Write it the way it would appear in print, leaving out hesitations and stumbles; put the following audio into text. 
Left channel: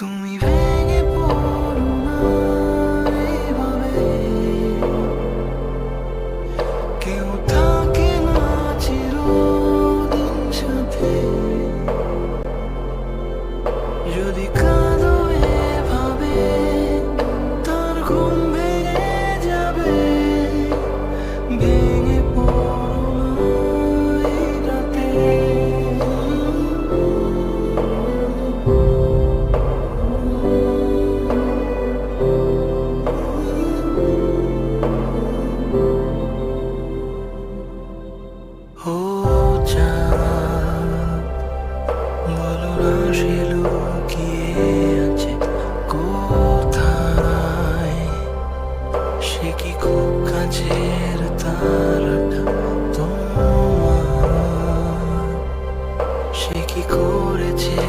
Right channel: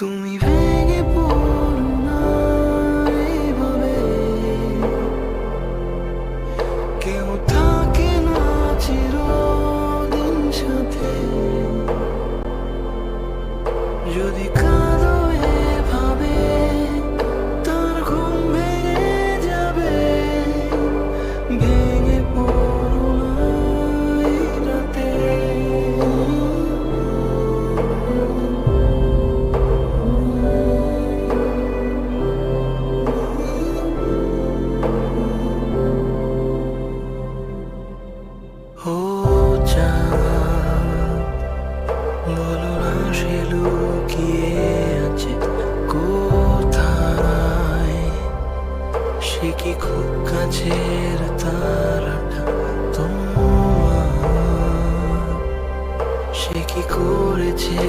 তুমি ভেঙে পড়ো না এইভাবে, কেউ থাকে না চিরদিন সাথে। যদি কাঁদো এভাবে, তার ঘুম ভেঙে যাবে। ভেঙে পড়ো না এই রাতে। ও চাঁদ, বলো না সে লুকিয়ে আছে কোথায়। সে কি খুব কাছের তারাটা তোমার? সে কি করেছে